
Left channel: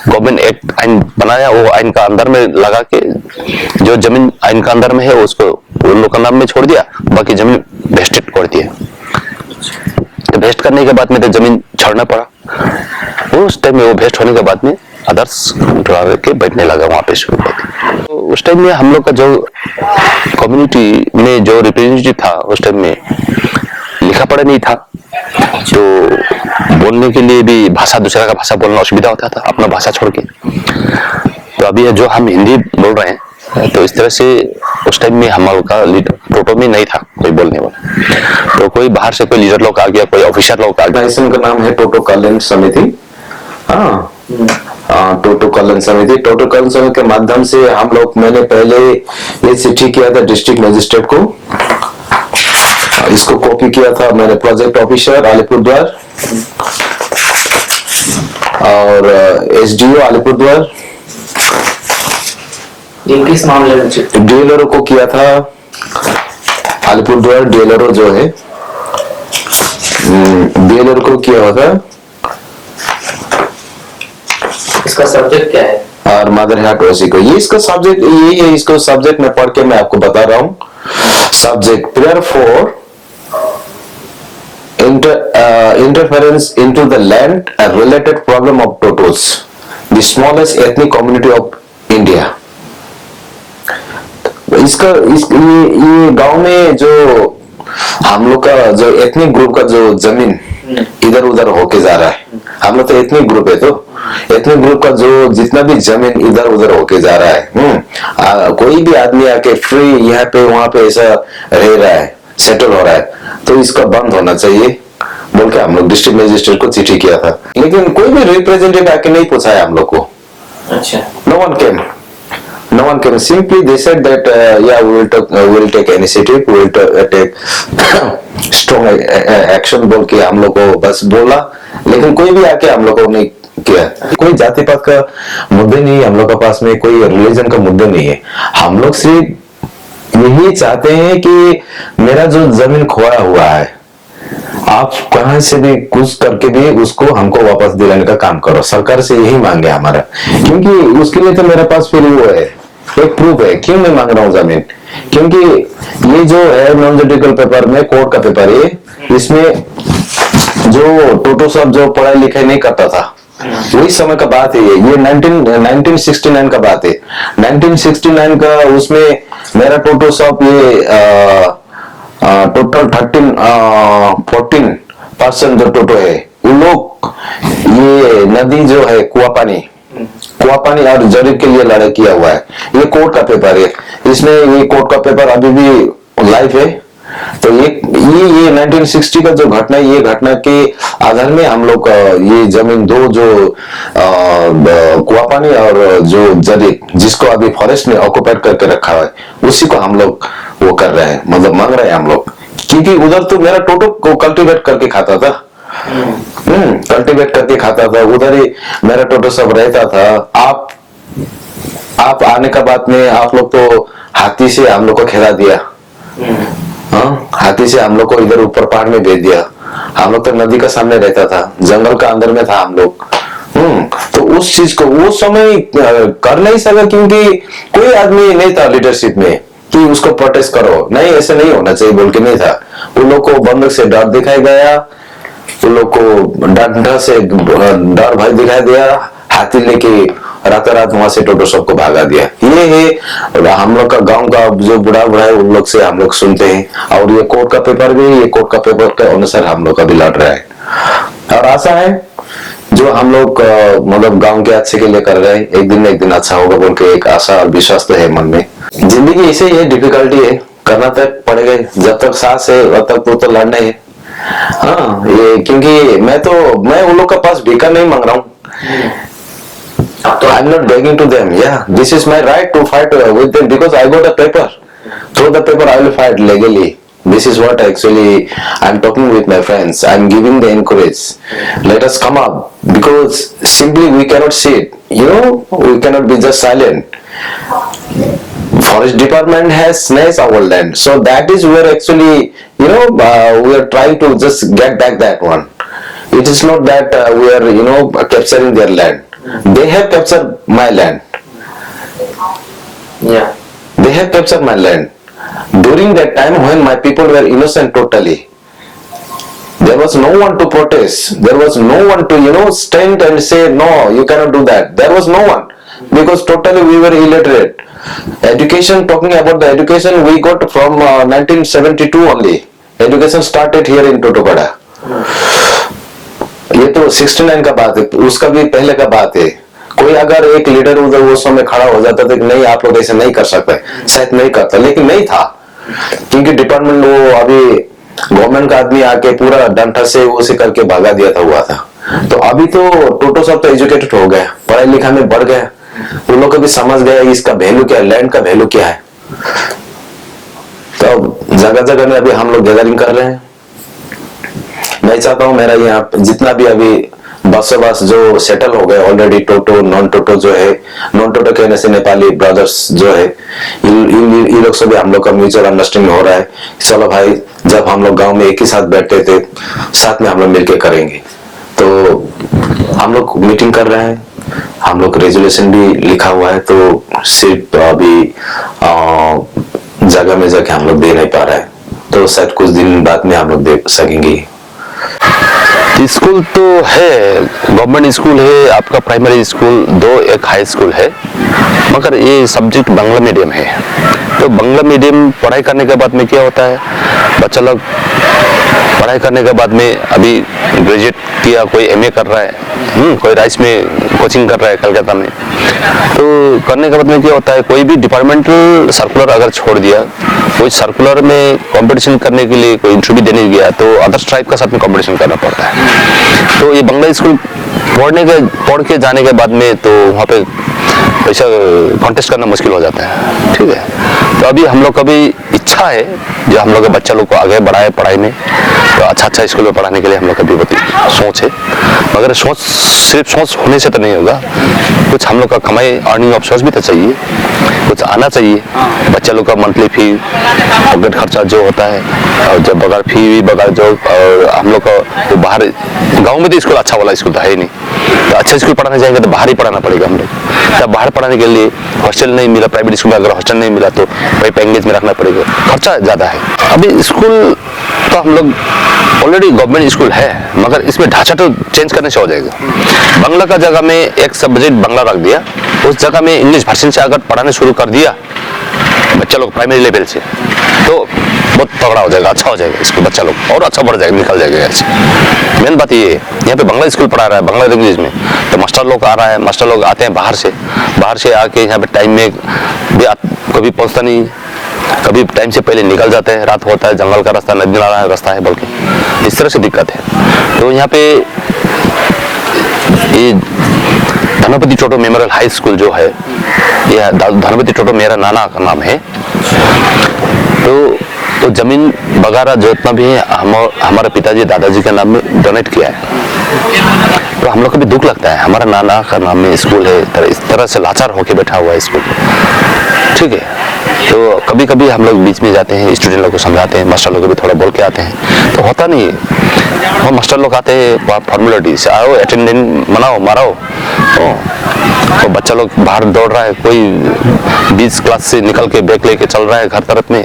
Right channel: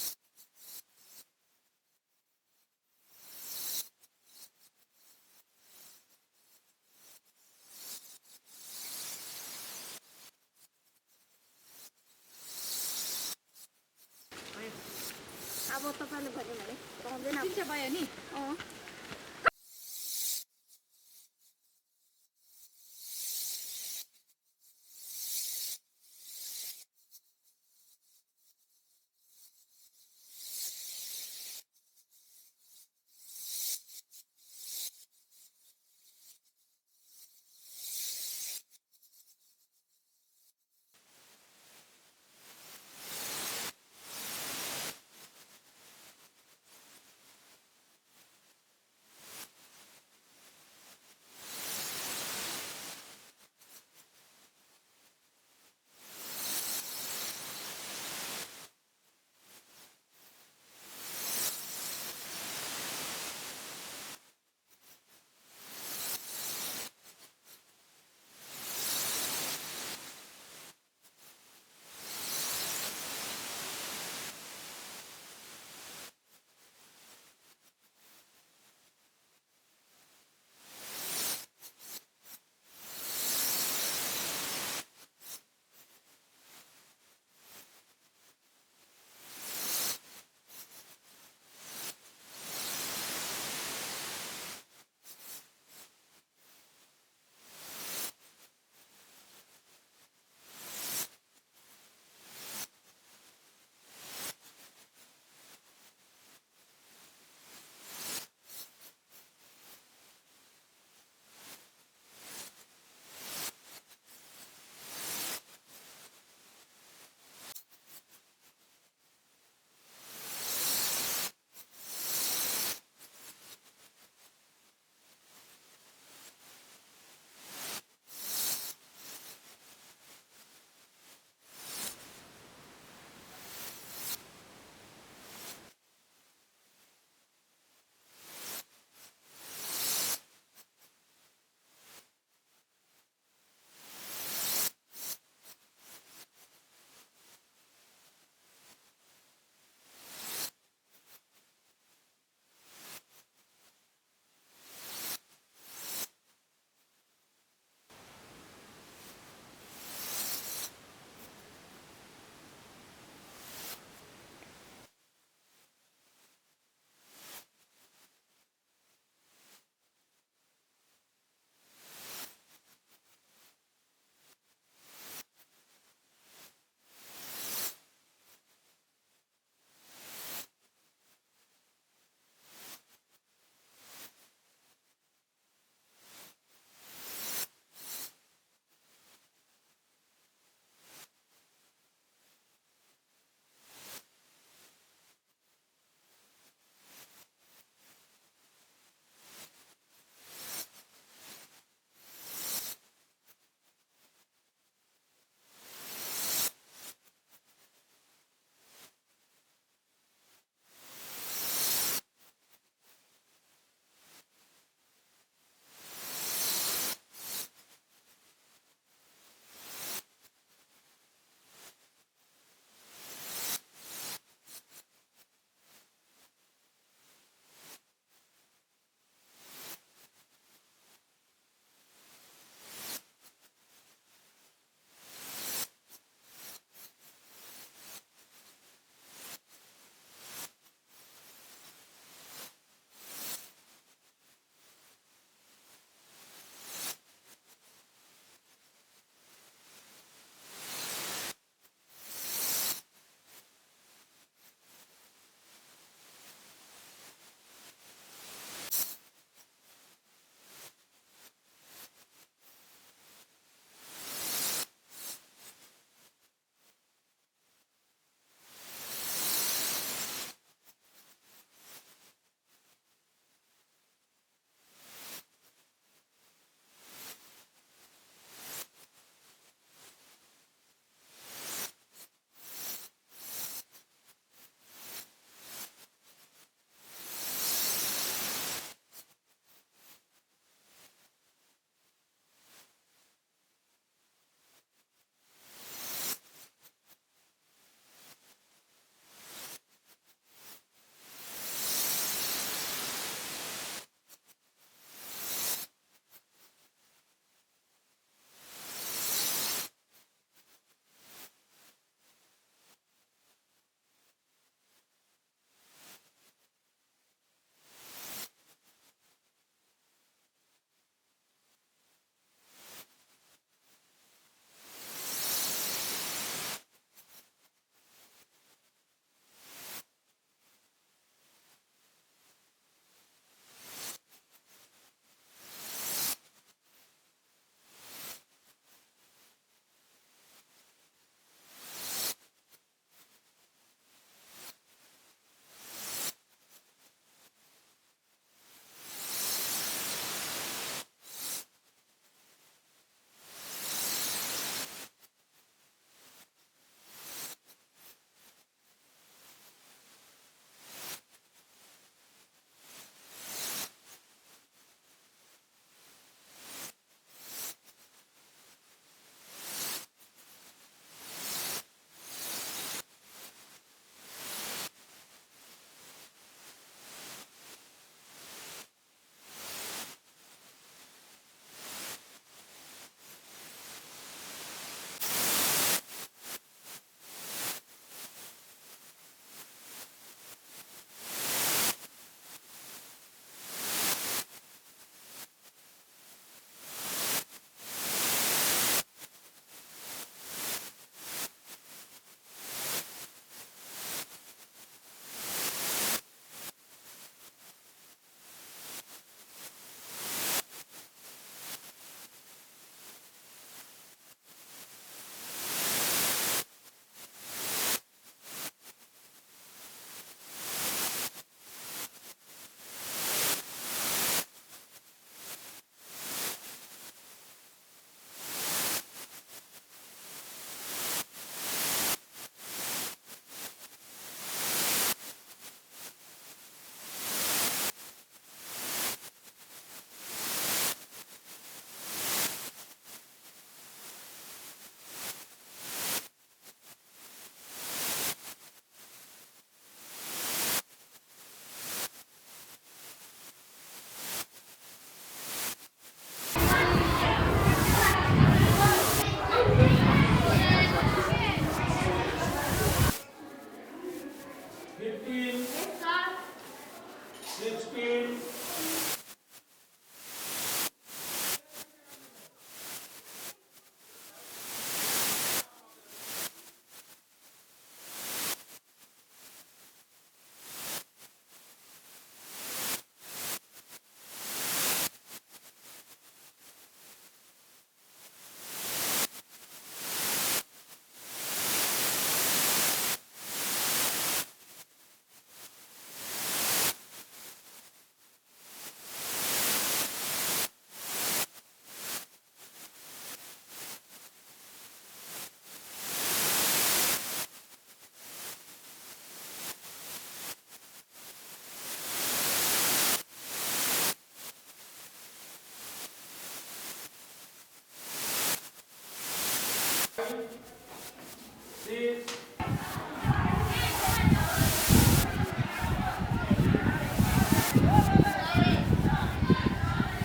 गवर्नमेंट एक्ट आइन बनाया, वो आइन का अंदर में लगा के जो जमीन आइन का अंदर में है उसको उन लोग का नाम में छोड़ दिया, बाकी जमीन वेस्टेड कर दिया। तो वेस्ट करने के बाद में तो जमीन छोड़ना पड़ा। उस टाइम में वो वेस्ट होने के बाद में अदर्स के बैठने लगा वहां पे शुरू करके। तो उस टाइम में हम लोग का जो कम्युनिटी में जो रिप्रेजेंटेटिव था, उस टाइम में लिखा पढ़ा नहीं था, तो बोलने के लिए भी भाषा दूसरा का भाषा बोलना असुविधा होता था, अपना भाषा छोड़ के। तो अभी जो हम हिंदी बोल रहे हैं, तो इस तरह से उस टाइम में हमारे का टोटो में नहीं था कोई बोलने वाला, तो कोई बाहर से कोई लीडर लोग आ गया, कोई ऑफिसर लोग आ गया। का नाम है टोटो कल्याण समिति। हाँ, टोटो कल्याण समिति। टोटो कल्याण समिति के माध्यम से हम लोग, मैंने पहले ये चिट्ठी किया था डिस्ट्रिक्ट मजिस्ट्रेट को, इसको कॉपी किया था मैंने प्रोजेक्ट ऑफिसर अलीपुरद्वार और एसडीओ अलीपुरद्वार, किस मामले में? डीएलआरओ को किया था अलीपुरद्वार, डीएलआरओ जो है डीएलआरओ को किया हुआ था। इसका सब्जेक्ट क्या है? और मदर हार्ट ओसी को, ये इसका सब्जेक्ट ये है, इसको सब्जेक्ट में पढ़ के मैं आपको बता रहा हूँ। Subject prayer for interference into the land, a related problem of Totos, the smallest ethnic community of India। ये गांव में जो हम लोग का जो एथनिक ग्रुप का जो जमीन इधर उधर होके जा रहा है, हम लोग तो एथनिक ग्रुप है, तो एथनिक ग्रुप का जो जितना भी जमीन इधर उधर होके जा रहा है, कोई भी आदमी आके फ्री यहाँ पे वहां पे ऐसा रह रहा है, सेटल हो रहा है, तो इसका बंद होना चाहिए बोल के हम लोग डिस्ट्रिक्ट मजिस्ट्रेट को चिट्ठी किया था। लेकिन कोई भी रिप्रेजेंटेटिव आके नहीं पूछा है हम लोग को। अच्छा। No one came simply they said that या we will take initiative, we will take strong action बोल के हम लोग को बस बोला, लेकिन कोई भी आके हम लोग को नहीं किया। कोई जाति पात का मुद्दे नहीं है हम लोग के पास में, कोई रिलीजन का मुद्दा नहीं है। हम लोग सिर्फ यही चाहते हैं कि मेरा जो जमीन खोया हुआ है, आप कहां से भी कुछ करके भी उसको हमको वापस दिलाने का काम करो। सरकार से यही मांगे हमारा, क्योंकि उसके लिए तो मेरे पास फिर वो है, एक प्रूफ है क्यों मैं मांग रहा हूँ जमीन। क्योंकि ये जो है नॉन जुडिकल पेपर में, कोर्ट का पेपर है, इसमें जो टोटो सब जो पढ़ाई लिखाई नहीं करता था, वही समय का बात है ये 1969 का बात है। 1969 का उसमें मेरा टोटो सब ये टोटल 14% जो टोटो है, उन लोग ये नदी जो है कुआ पानी और जरीब के लिए लड़ाई किया हुआ है। ये कोर्ट का पेपर है, इसमें ये कोर्ट का पेपर अभी भी लाइव है। तो ये 1960 का जो घटना है, ये घटना के आधार में हम लोग ये जमीन दो जो कुआ पानी और जो जरीब, जिसको अभी फॉरेस्ट ने ऑक्युपाइड करके रखा है, उसी को हम लोग वो कर रहे हैं, मतलब मांग रहे हैं हम लोग। क्योंकि उधर तो मेरा टोटो को कल्टीवेट करके खाता था, कल्टीवेट करके खाता था, उधर ही मेरा टोटो सब रहता था। आप आने का बाद में आप लोग तो हाथी से हम लोग को खेला दिया, हाँ, हाथी से हम लोग को इधर ऊपर पहाड़ में भेज दिया। हम लोग तो नदी का सामने रहता था, जंगल का अंदर में था हम लोग। तो उस चीज को वो समय कर नहीं सका, क्योंकि कोई आदमी नहीं था लीडरशिप में कि उसको प्रोटेस्ट करो, नहीं ऐसे नहीं होना चाहिए बोल के नहीं था। उन लोग को बंदूक से डर दिखाई गया, उन लोग को डंडा से डर भय दिखाई दिया, हाथी लेके रात वहां से टोटो सबको भागा दिया। ये है हम लोग का गांव का जो बुढ़ा है, उन लोग से हम लोग सुनते हैं। और ये कोर्ट का पेपर भी, ये कोर्ट का पेपर के अनुसार हम लोग का भी लड़ रहा है। और आशा है जो हम लोग मतलब गांव के अच्छे के लिए कर रहे हैं, एक दिन न एक दिन अच्छा होगा बोल के एक आशा और विश्वास तो है मन में। जिंदगी ऐसे ही है, डिफिकल्टी है, करना तक पड़ेगा, जब तक सांस है तब तक तो लड़ना है। हाँ, ये क्योंकि मैं उन लोग के पास भीखा नहीं मांग रहा हूँ, I'm not begging to them. Yeah, this is my right to fight with them because I got a paper. Through the paper, I will fight legally. This is what actually I'm talking with my friends. I'm giving the encourage. Let us come up because simply we cannot sit. You know, we cannot be just silent. Forest department has snatched our land, so that is where actually we are trying to just get back that one. It is not that we are capturing their land. They have captured my land. Yeah. They have captured my land. During that time when my people were innocent totally, there was no one to protest. There was no one to stand and say no, you cannot do that. There was no one because totally we were illiterate. Education, talking about the education, we got from 1972 only. Education started here in Totopada. ये तो 69 का बात है, उसका भी पहले का बात है. कोई अगर एक लीडर उधर वो समय खड़ा हो जाता था कि नहीं आप लोग ऐसे नहीं कर सकते, शायद नहीं करता, लेकिन नहीं था क्योंकि डिपार्टमेंट वो अभी गवर्नमेंट का आदमी आके पूरा डंठा से वो से करके भगा दिया था हुआ था. तो अभी तो टोटो सब तो एजुकेटेड हो गए, पढ़ाई लिखा में बढ़ गए, उन लोग भी समझ गए इसका वैल्यू क्या है, लैंड का वैल्यू क्या है. तो जगह जगह में अभी हम लोग गैदरिंग कर रहे हैं. मैं चाहता हूं मेरा यहाँ जितना भी अभी बसोबास जो सेटल हो गए ऑलरेडी, टोटो नॉन टोटो जो है, नॉन टोटो कहने से नेपाली ब्रदर्स जो है, इन लोग से भी हम लोग का म्यूचुअल अंडरस्टैंडिंग हो रहा है. चलो भाई, जब हम लोग गांव में एक ही साथ बैठते थे, साथ में हम लोग मिलकर करेंगे. तो हम लोग मीटिंग कर रहे हैं, हम लोग रेजोल्यूशन भी लिखा हुआ है. तो सिर्फ अभी जगह में जाके हम लोग दे नहीं पा रहे हैं, तो शायद कुछ दिन बाद में हम लोग दे सकेंगे. स्कूल तो है, गवर्नमेंट स्कूल है, आपका प्राइमरी स्कूल दो, एक हाई स्कूल है, मगर ये सब्जेक्ट बांग्ला मीडियम है. तो बांग्ला मीडियम पढ़ाई करने के बाद में क्या होता है, बच्चा लोग पढ़ाई करने के बाद में अभी ग्रेजुएट किया, कोई एमए कर रहा है, कोई राइस में कोचिंग कर रहा है कलकत्ता में. तो करने के बाद में क्या होता है, कोई भी डिपार्टमेंटल सर्कुलर अगर छोड़ दिया, कोई सर्कुलर में कंपटीशन करने के लिए कोई इंटरव्यू देने गया, तो अदर ट्राइब का साथ में कंपटीशन करना पड़ता है. तो ये बांग्ला स्कूल पढ़ के जाने के बाद में तो वहाँ पे ऐसा कॉन्टेस्ट करना मुश्किल हो जाता है. ठीक है, तो अभी हम लोग का भी इच्छा है जो हम लोग के बच्चा लोग को आगे बढ़ाए पढ़ाई में, तो अच्छा स्कूल में पढ़ाने के लिए हम लोग का भी बहुत सोच है. मगर सोच सिर्फ सोच होने से तो नहीं होगा, कुछ हम लोग का कमाई अर्निंग ऑफ सोर्स भी तो चाहिए, कुछ आना चाहिए. बच्चा लोग का मंथली फी, पॉकेट खर्चा जो होता है, और जब बगैर फी बगैर जो, और हम लोग का तो बाहर गाँव में तो स्कूल अच्छा वाला स्कूल तो है ही नहीं, तो अच्छा स्कूल पढ़ाने जाएंगे तो बाहर ही पढ़ाना पड़ेगा हम लोग. तब बाहर पढ़ाने के लिए हॉस्टल नहीं मिला, प्राइवेट स्कूल में अगर हॉस्टल नहीं मिला तो वही पैकेज में रखना पड़ेगा, खर्चा ज़्यादा है. अभी स्कूल तो हम लोग ऑलरेडी गवर्नमेंट स्कूल है, मगर इसमें ढांचा तो चेंज करने से हो जाएगा. बांग्ला का जगह में एक सब्जेक्ट बांग्ला रख दिया, उस जगह में इंग्लिश वर्जन से अगर पढ़ाने शुरू कर दिया बच्चा लोग प्राइमरी लेवल से, तो बहुत तगड़ा हो जाएगा, अच्छा हो जाएगा स्कूल, बच्चा लोग और अच्छा बढ़ जाएगा, निकल जाएगा ऐसे. मेन बात ये है, यहाँ पे बांग्ला स्कूल पढ़ा रहा है बांग्ला लैंग्वेज में, तो मास्टर लोग आ रहा है, मास्टर लोग आते हैं बाहर से आके यहाँ पे टाइम में भी कभी पहुँचता नहीं, कभी टाइम से पहले निकल जाते हैं, रात होता है, जंगल का रास्ता, नदी नाला रास्ता है, बल्कि इस तरह से दिक्कत है. तो यहाँ पे ये धनपति टोटो मेमोरियल हाई स्कूल जो है, यह धनपति टोटो मेरा नाना का नाम है. तो जमीन वगैरह जो इतना भी है हमारे पिताजी दादाजी के नाम में डोनेट किया है. तो हम लोग को भी दुख लगता है, हमारा नाना का नाम में स्कूल है, इस तरह से लाचार होके बैठा हुआ है स्कूल. ठीक है, तो कभी कभी हम लोग बीच में जाते हैं, स्टूडेंट लोग को समझाते हैं, मास्टर लोग को भी थोड़ा बोल के आते हैं, तो होता नहीं है. वो मास्टर लोग आते हैं फॉर्मेलिटी से, आओ अटेंडेंस मनाओ माराओ, तो बच्चा लोग बाहर दौड़ रहा है, कोई 20 क्लास से निकल के बैग लेके चल रहा है घर तरफ में,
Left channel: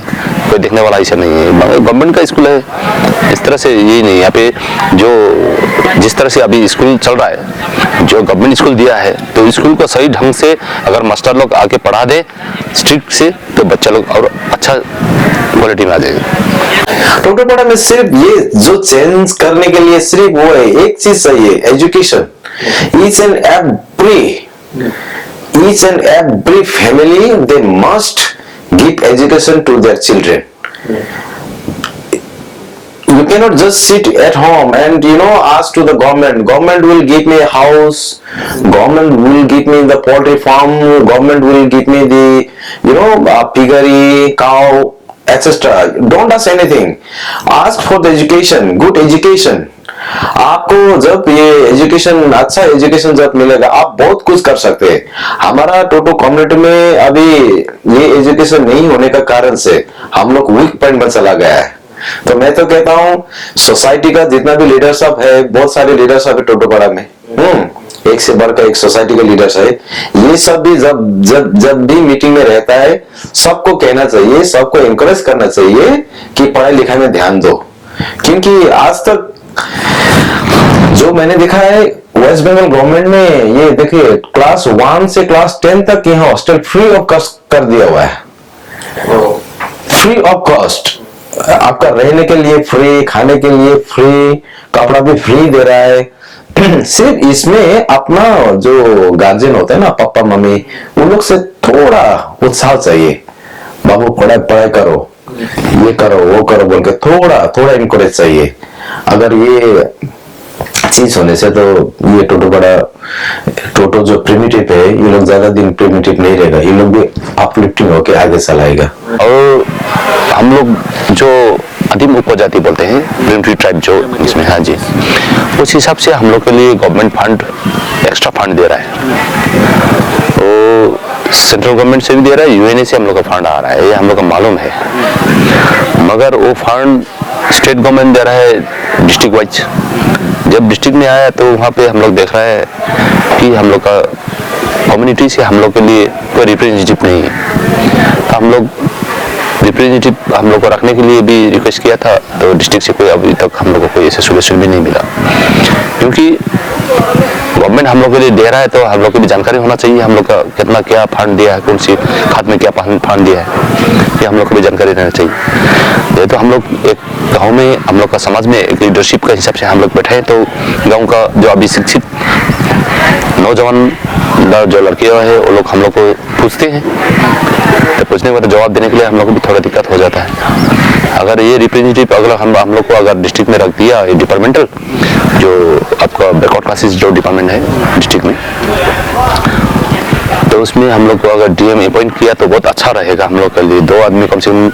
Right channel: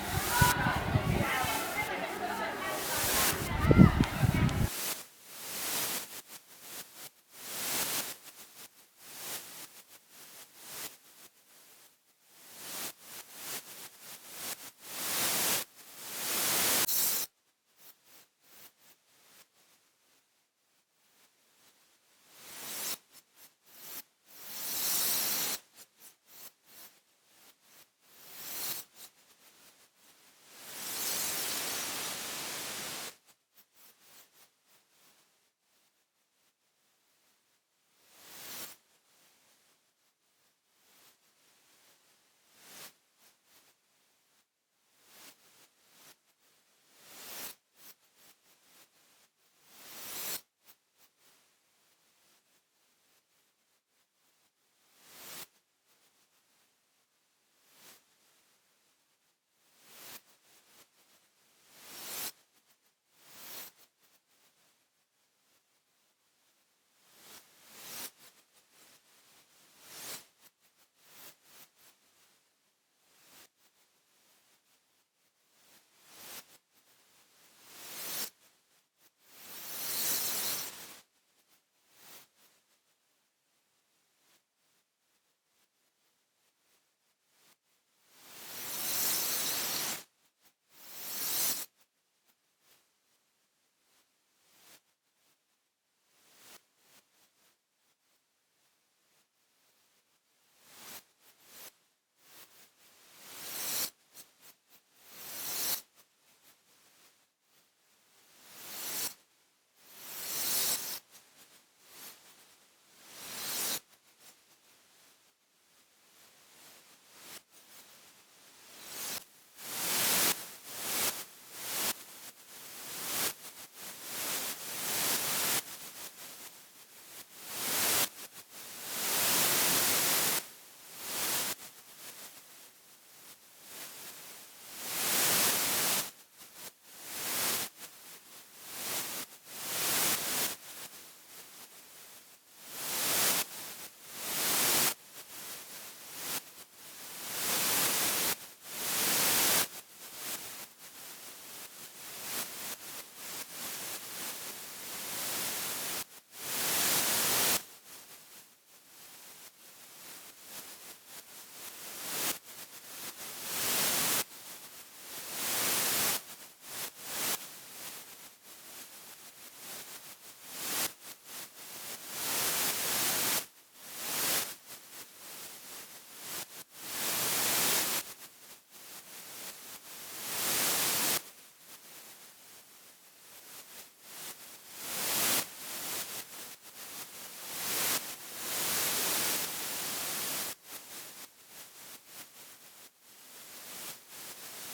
कोई देखने वाला ऐसा नहीं है. गवर्नमेंट का स्कूल है, इस तरह से यही नहीं. यहाँ पे जो जिस तरह से अभी स्कूल चल रहा है, जो गवर्नमेंट स्कूल दिया है, तो स्कूल को सही ढंग से अगर मास्टर लोग आके पढ़ा दे स्ट्रिक्ट से, तो बच्चा लोग और अच्छा क्वालिटी में आ जाएगा. टोटोपाड़ा में सिर्फ ये जो चेंज करने के लिए सिर्फ वो है, एक चीज चाहिए, education. Each and every family, they must give education to their children. You cannot just sit at home and ask to the government. Government will give me a house. Government will give me the poultry farm. Government will give me the piggery, cow, etc. Don't ask anything. Ask for the education, good education. आपको जब ये एजुकेशन, अच्छा एजुकेशन जब मिलेगा, आप बहुत कुछ कर सकते हैं। हमारा टोटो कम्युनिटी में अभी ये एजुकेशन नहीं होने का कारण से हम लोग वीक पॉइंट में चला गया है। तो मैं तो कहता हूँ सोसाइटी का जितना भी लीडर सब है, बहुत सारे लीडर सब है टोटोपाड़ा में, एक से बढ़कर एक सोसाइटी के लीडर्स है, ये सब भी जब भी मीटिंग में रहता है, सबको कहना चाहिए, सबको एनकरेज करना चाहिए कि पढ़ाई लिखाई में ध्यान दो। क्योंकि आज तक जो मैंने देखा है वेस्ट बंगाल गवर्नमेंट ने, ये देखिए क्लास 1 से क्लास 10 तक यहाँ हॉस्टल फ्री ऑफ कॉस्ट कर दिया हुआ है। फ्री ऑफ कॉस्ट, आपका रहने के लिए फ्री, खाने के लिए फ्री, कपड़ा भी फ्री दे रहा है। सिर्फ इसमें अपना जो गार्जियन होता है ना, पापा मम्मी, उन लोग से थोड़ा उत्साह चाहिए, बाबू पढ़ाई करो, ये करो वो करो बोल के थोड़ा इनकरेज चाहिए। अगर ये चीज होने से तो ये टोटो जो प्रिमिटिव है, ये लोग ज्यादा दिन प्रिमिटिव नहीं रहेगा, ये लोग भी अपलिफ्टिंग होके आगे चलाएगा। और हम लोग जो आदिम उपजाति बोलते हैं, प्रिमिटिव ट्राइब जो इसमें, हाँ जी, उस हिसाब से हम लोग के लिए गवर्नमेंट फंड, एक्स्ट्रा फंड दे रहा है। तो सेंट्रल गवर्नमेंट से भी दे रहा है, यूएनए से हम लोग का फंड आ रहा है, ये हम लोग का मालूम है। मगर वो फंड स्टेट गवर्नमेंट दे रहा है डिस्ट्रिक्ट वाइज। जब डिस्ट्रिक्ट में आया तो वहाँ पे हम लोग देख रहे हैं कि हम लोग का कम्युनिटी से हम लोग के लिए कोई रिप्रेजेंटेटिव नहीं है। तो हम लोग रिप्रेजेंटेटिव हम लोग को रखने के लिए भी रिक्वेस्ट किया था, तो डिस्ट्रिक्ट से कोई अभी तक हम लोग को कोई ऐसा सोल्यूशन भी नहीं मिला। क्योंकि गवर्नमेंट हम लोग के लिए दे रहा है तो हम लोग को भी जानकारी होना चाहिए, हम लोग का कितना क्या फंड दिया है, कौन सी खाद में क्या फंड दिया है, ये हम लोग को भी जानकारी रहना चाहिए। ये तो हम लोग एक गांव में, हम लोग का समाज में एक लीडरशिप का हिसाब से हम लोग बैठे हैं, तो गांव का जो अभी शिक्षित नौजवान जो लड़के है वो लोग हम लोग को पूछते हैं, तो पूछने के बाद जवाब देने के लिए हम लोग को भी थोड़ा दिक्कत हो जाता है। अगर ये रिप्रेजेंटेटिव अगर हम लोग को अगर डिस्ट्रिक्ट में रख दिया, ये डिपार्टमेंटल जो आपका बैकवर्ड क्लासेस जो डिपार्टमेंट है डिस्ट्रिक्ट में, तो उसमें हम लोग को अगर डीएम अपॉइंट किया तो बहुत अच्छा रहेगा हम लोग के लिए। 2 आदमी कम से कम,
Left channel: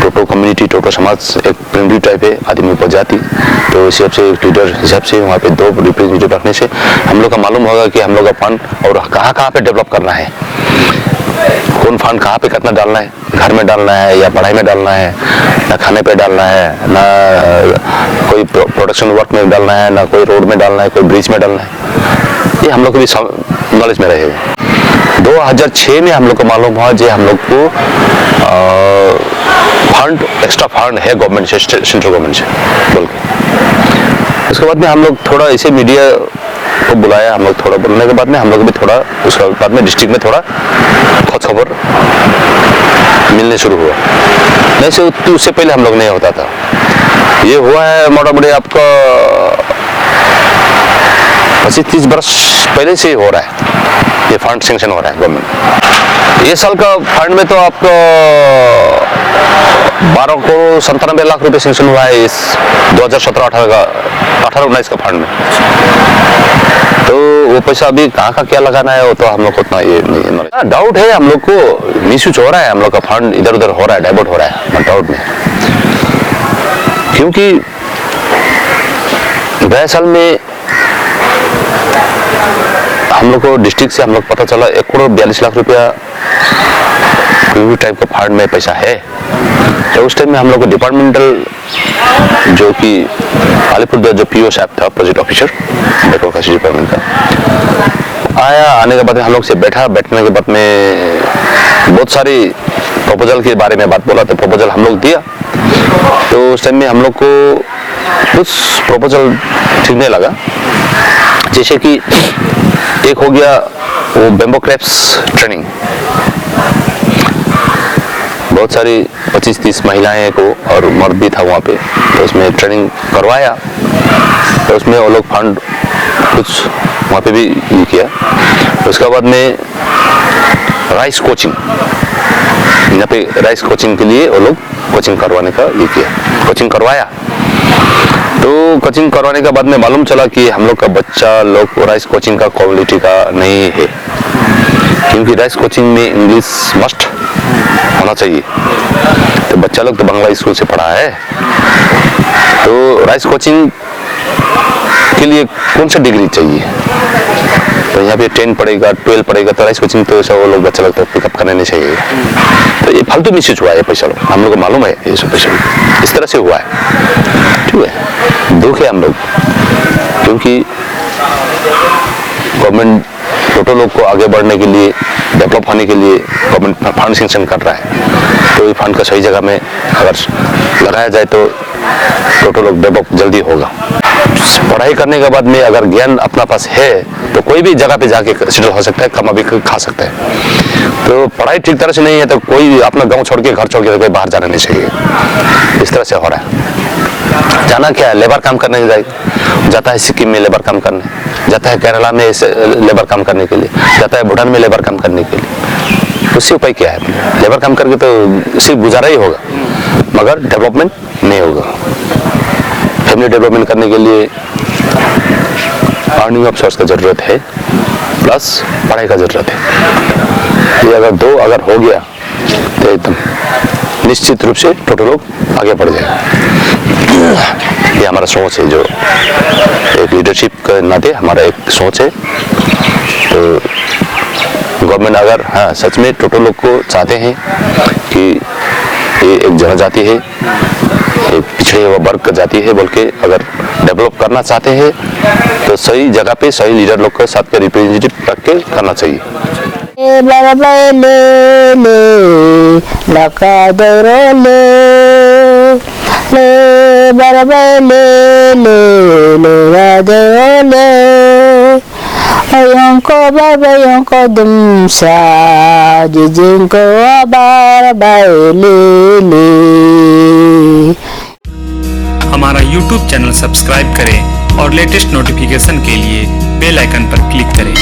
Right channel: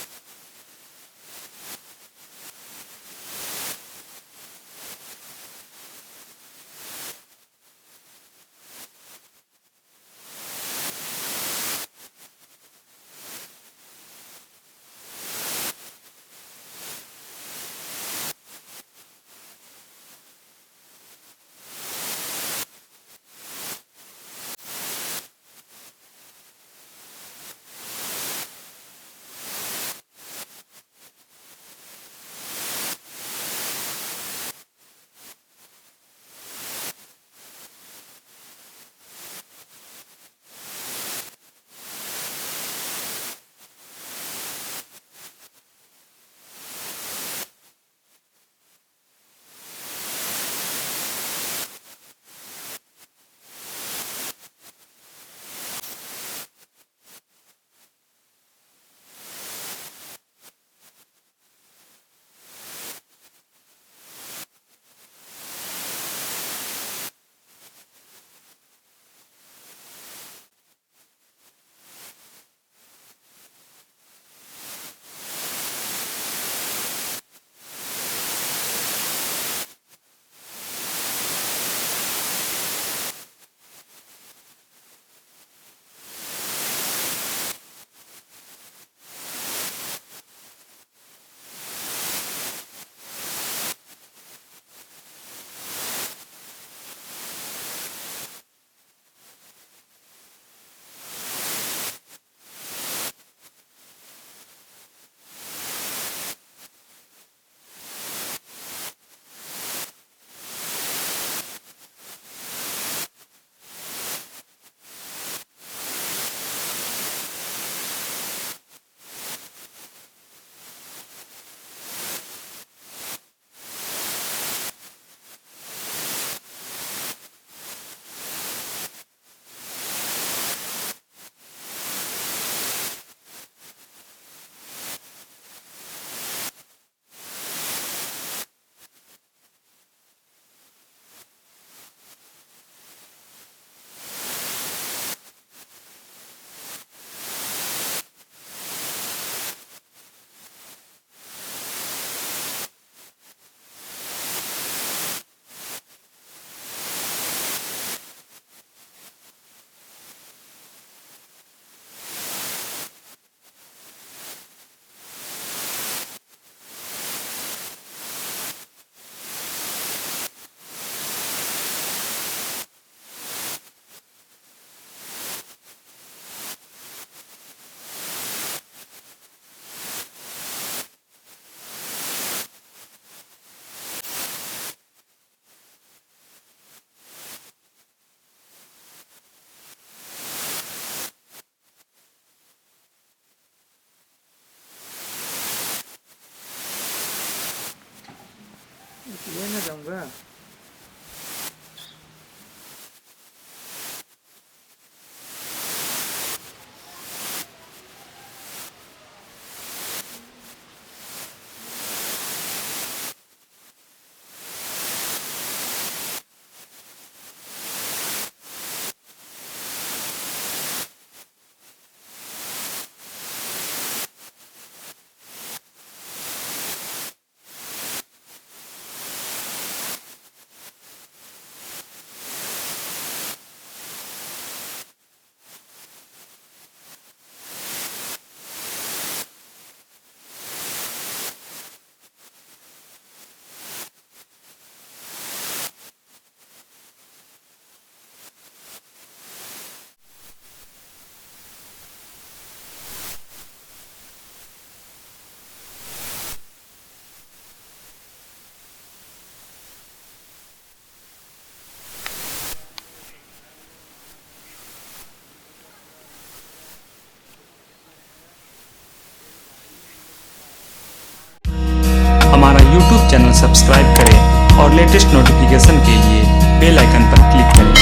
टोटो कम्युनिटी, टोटो समाज एक प्रिमिटिव टाइप है, आदमी उपजाति, तो इस हिसाब से एक लीडर हिसाब से वहाँ पे 2 रिप्रेजेंटेटिव रखने से हम लोग का मालूम होगा कि हम लोग का फंड और कहाँ पे डेवलप करना है, कौन फंड कहाँ पे कितना डालना है, घर में डालना है या पढ़ाई में डालना है, ना खाने पे डालना है, ना कोई प्रोडक्शन वर्क में डालना है, ना कोई रोड में डालना है, कोई ब्रिज में डालना है, ये हम लोग को भी नॉलेज में रहेगा। 2006 में हम लोग को मालूम हुआ जो हम लोग को फंड, एक्स्ट्रा फंड है गवर्नमेंट से, सेंट्रल गवर्नमेंट से बोल के। उसके बाद में हम लोग थोड़ा ऐसे मीडिया को बुलाया, हम लोग थोड़ा बोलने के बाद में हम लोग भी थोड़ा, उसके बाद में डिस्ट्रिक्ट में थोड़ा खोज खबर मिलने शुरू हुआ। नहीं से उससे पहले हम लोग नहीं होता था। ये हुआ है मोटा मोटी आपका 25-30 वर्ष पहले से हो रहा है, ये फंड सेंक्शन हो रहा है गवर्नमेंट। ये साल का फंड में तो आपको 12,97 लाख रुपए सेंक्शन हुआ है इस 2017-18 का, 18-19 का फंड में। तो वो पैसा अभी कहाँ का क्या लगाना है वो तो हम लोग को उतना ये नहीं, डाउट है हम लोग को, मिसयूज हो रहा है, हम लोग का फंड इधर उधर हो रहा है, डाइवर्ट हो रहा है, डाउट में। क्योंकि गए साल में हम लोग को डिस्ट्रिक्ट से हम लोग पता चला 1,42 लाख रुपया टाइप का फंड में पैसा है। तो उस टाइम में हम लोग को डिपार्टमेंटल जो कि अलीपुर जो पीओ साहब था, प्रोजेक्ट ऑफिसर बैकवर्ड डिपार्टमेंट का, आया। आने के बाद हम लोग से बैठने के बाद में बहुत सारी प्रपोजल के बारे में बात बोला, तो प्रपोजल हम लोग दिया। तो उस टाइम में हम लोग को कुछ प्रपोजल ठीक नहीं लगा, जैसे कि एक हो गया वो बेम्बो क्रैप्स ट्रेनिंग, बहुत सारी 25-30 महिलाएं को और मर्द भी था वहाँ पे, तो उसमें ट्रेनिंग करवाया। तो उसमें वो लोग फंड कुछ वहाँ पे भी ये किया। उसके बाद में राइस कोचिंग, यहाँ पे राइस कोचिंग के लिए वो लोग कोचिंग करवाने का ये किया, कोचिंग करवाया। तो कोचिंग करवाने के बाद में मालूम चला कि हम लोग का बच्चा लोग राइस कोचिंग का क्वालिटी का नहीं है, क्योंकि राइस कोचिंग में इंग्लिश मस्ट होना चाहिए। तो बच्चा लोग तो बांग्ला स्कूल से पढ़ा है, तो राइस कोचिंग के लिए कौन सा डिग्री चाहिए? तो यहाँ पे 10 पढ़ेगा 12 पढ़ेगा तो राइस कोचिंग तो ऐसा वो लोग बच्चा लोग तो पिकअप करने नहीं चाहिए। तो ये फालतू मिसयूज हुआ है पैसा लोग, हम लोग को मालूम है ये सब पैसा इस तरह से हुआ है। ठीक है, दुख है हम लोग, क्योंकि गवर्नमेंट टोटो लोग को आगे बढ़ने के लिए, डेवलप होने के लिए गवर्नमेंट फंड सेंक्शन कर रहा है। तो ये फंड का सही जगह में अगर लगाया जाए तो टोटो लोग डेवलप जल्दी होगा। पढ़ाई करने के बाद में अगर ज्ञान अपना पास है तो कोई भी जगह पे जाके सेटल हो सकता है, कमा भी खा सकता है। तो पढ़ाई ठीक तरह से नहीं है तो कोई अपना गांव छोड़ के घर छोड़ के कोई बाहर जाना नहीं चाहिए। इस तरह से हो रहा है। जाना क्या है, लेबर काम करने जाता है, सिक्किम में लेबर काम करने जाता है, केरला में लेबर काम करने के लिए जाता है, भूटान में लेबर काम करने के लिए। उससे उपाय क्या है? लेबर काम करके तो सिर्फ गुजारा ही होगा मगर डेवलपमेंट नहीं होगा। फैमिली डेवलपमेंट करने के लिए अर्निंग ऑफ सोर्स का जरूरत है, प्लस पढ़ाई का जरूरत है। ये अगर दो अगर हो गया तो एकदम निश्चित रूप से टोटल लोग आगे बढ़ जाएगा। ये हमारा सोच है, जो एक लीडरशिप के नाते हमारा एक सोच है। तो गवर्नमेंट अगर हाँ सच में टोटल लोग को चाहते हैं कि ये एक जनजाति है, एक पिछड़े हुआ वर्ग का जाति है बोल के अगर डेवलप करना चाहते हैं तो सही जगह पे सही लीडर लोग के साथ के रिप्रेजेंटेटिव रख के करना चाहिए। हमारा YouTube चैनल सब्सक्राइब करें और लेटेस्ट नोटिफिकेशन के लिए बेल आइकन पर क्लिक करें।